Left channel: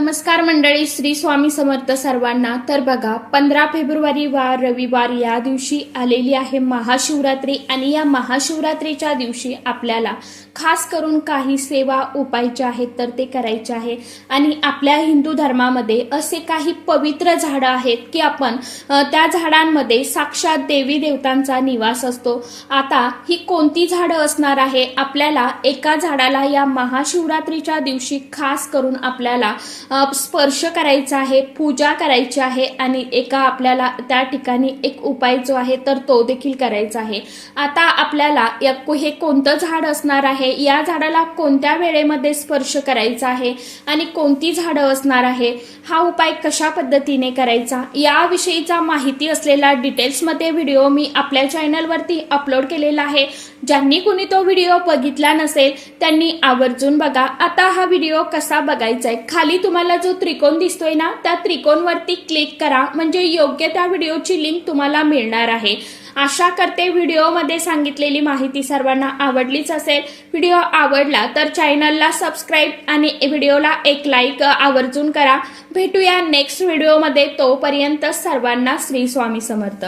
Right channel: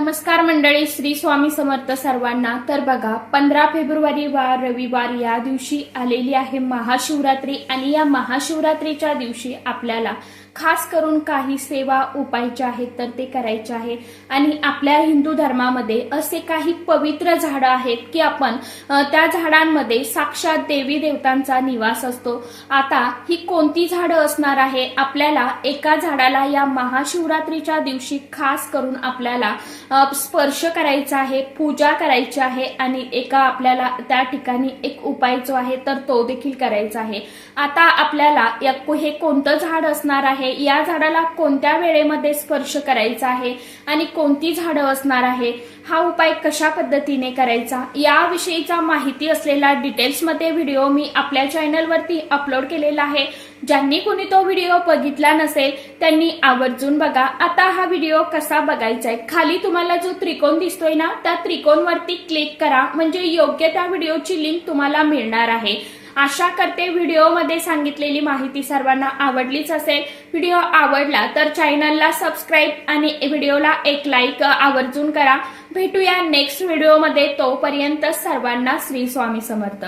नमस्कार मंडळी, श्री स्वामी समर्थ सर्वांना। तर बघा 15 फेब्रुवारी वार रविवार या दिवशी आलेली आहे महाशिवरात्री आणि या महाशिवरात्रीच्या दिवशी आपल्याला खास करून काही सेवा उपायच्या आहेत तर ते करायचे आहे। आणि आपल्या हिंदू धर्मामध्ये असे काही पवित्र झाडं आहेत की आपण त्या झाडांमध्ये साक्षात देवी देवतांचा निवास असतो। आता ही कोणती झाडं असणार आहे, आपल्याला एका झाडाला या महाशिवरात्रीच्या दिवशी खास करून आपल्याला स्पर्श करायचा आहे, पूजा करायची आहे आणि एका आपल्याला त्या ठिकाणी एक उपाय जो आहे तर तो देखील करायचा आहे। आता आपल्याला हे कोणतं झाड असणार आहे, या झाडाला कोणत्या वेळेमध्ये स्पर्श करायचा आहे आणि कोणती झाडं असणार आहे, हा उपाय कशा पद्धतीने करायचा याविषयीचा माहिती असलेला डिटेल्स मध्ये व्हिडिओ मी आपल्या चॅनलवरती अपलोड केलेला आहे। ज्यांनी कोणी तो व्हिडिओ बघितला नसेल त्यांनी आवर्जून बघा। आता हा व्हिडिओ कसा बघायचा आहे, खाली तुम्हाला जो त्रिकोण दिसतोय ना त्या त्रिकोणवरती क्लिक करा, म्हणजे योग्य त्या व्हिडिओची लिंक तुम्हाला मिळणार आहे। आशा करते व्हिडिओमध्ये सांगितलेली माहिती सर्वांना आवडलीच असेल। व्हिडिओ आवडला तर चॅनलला सबस्क्राईब आणि व्हिडिओला एक लाईक आवर्जून करा। भेटूया नेक्स्ट व्हिडिओमध्ये, तोपर्यंत सर्वांना श्री स्वामी समर्थ।